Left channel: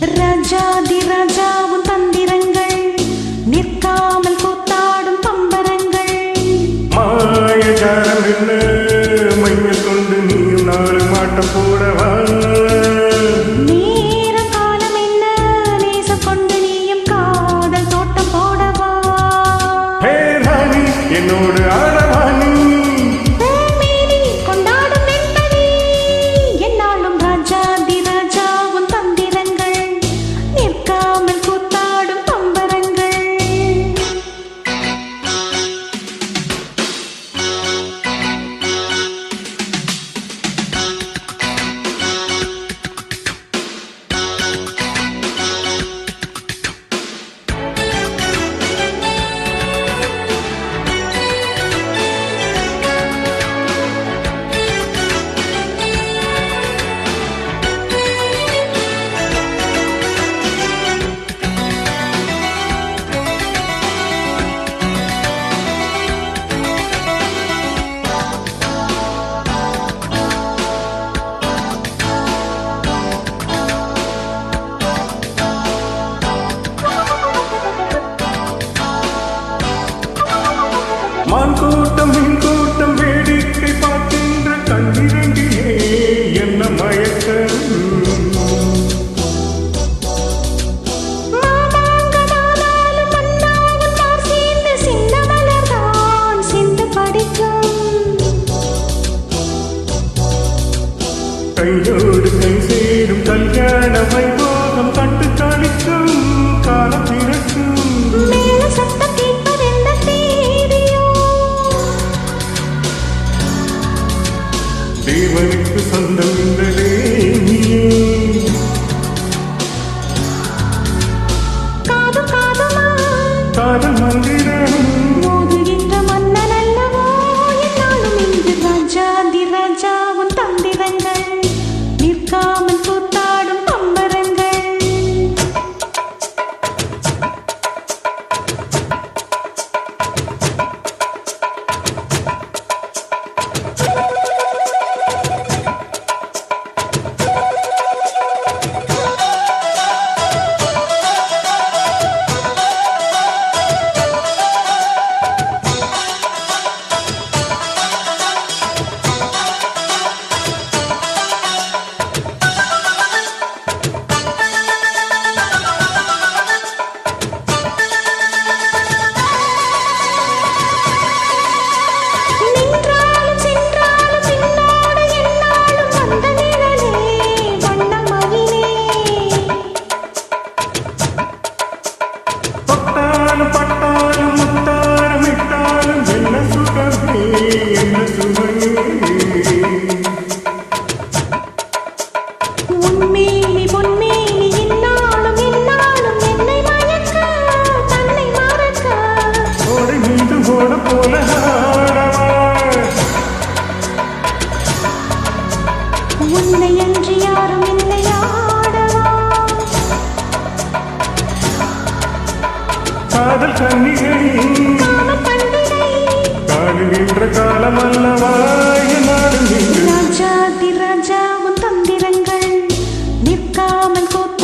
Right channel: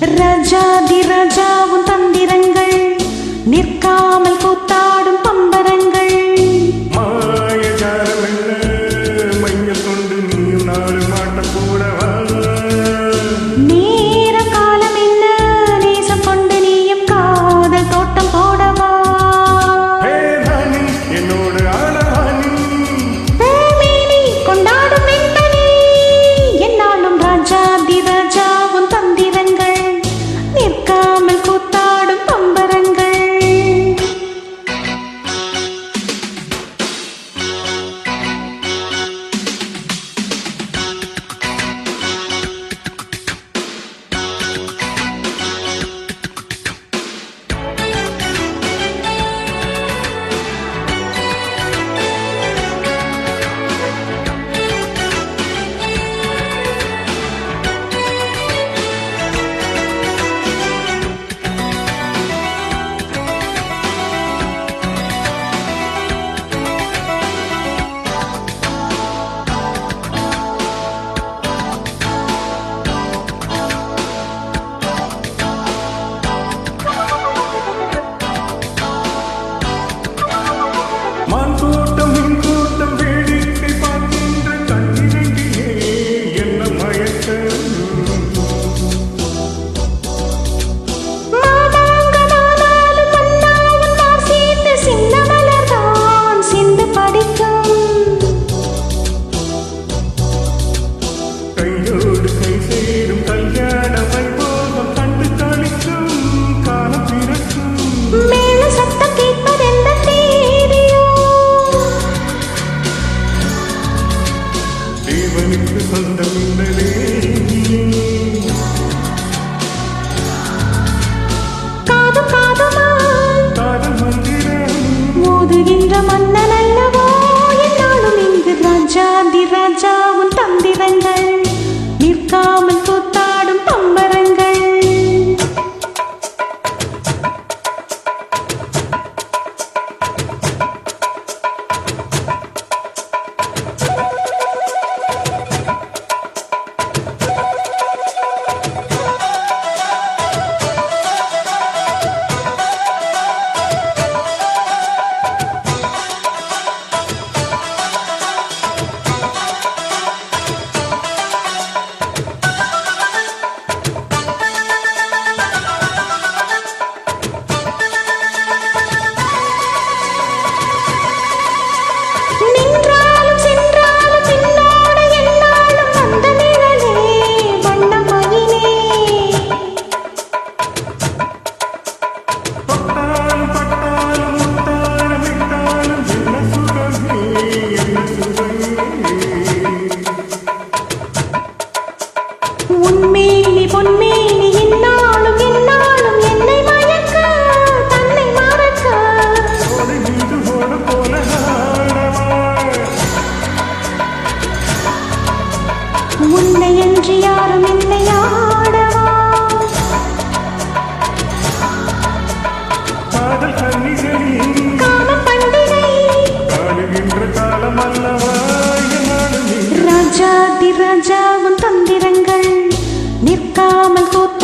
ராஜாதி ராஜாவும் தந்திரங்கள் நிற்காமல் கூத்தாடும் பம்பரங்கள். மாயஜாலம் என்ன மையல் கொண்டு நீயும் நாலு மாட்டம் போடவா? நேர காலம் என்ன நேசம் கொண்டு நீயும் காதல் தோட்டம் போடவா? ராணி என்னோடு ஆடவாணி மேனி கொண்டாடும் வெண்பனி என்னாலும் ராஜாதி ராஜாவும் தந்திரங்கள் நிற்காமல் கூத்தாடும் பம்பரங்கள். மான் கூட்டம் மீன் கூட்டம் வேடிக்கை பார்க்கின்ற கண்ணிரண்டிலே என்ன மயக்கம்? கையோடு கை சேரும் கல்யாண வைபோகம் கண்டு கழிக்கும் காலம் பிறக்கும். மேல சத்தம் கேட்பதென்ன தேதியோ? தேவனுக்கு சொந்தம் இந்த தேவியே. காது காதுமாய் காதல் மந்திரம் மோதுகின்ற மன்னன் அல்லவோ என்னாலும் இங்கு ராஜாதி ராஜாவும் தந்திரங்கள் நிற்காமல் கூத்தாடும் பம்பரங்கள். பட்டாலும் முத்தாரம் இட்டாலும் என்ன சுகமே என்ன சுவையே. உன்மேனி பொன்மேனி என்னாலும் என்னாலும் என்னை மயக்க தன்னை மறக்க ஓடை மீது ஓட போல ஆடவா? உன்னை அன்றி யாரும் இல்லை ஆடவா? காதல் கன்னிகையின் காமன் பண்டிகை காணுகின்ற காலம் அல்லவா என்னாலும்? ராஜாதி ராஜாவும் தந்திரங்கள் நிற்காமல் கூத்த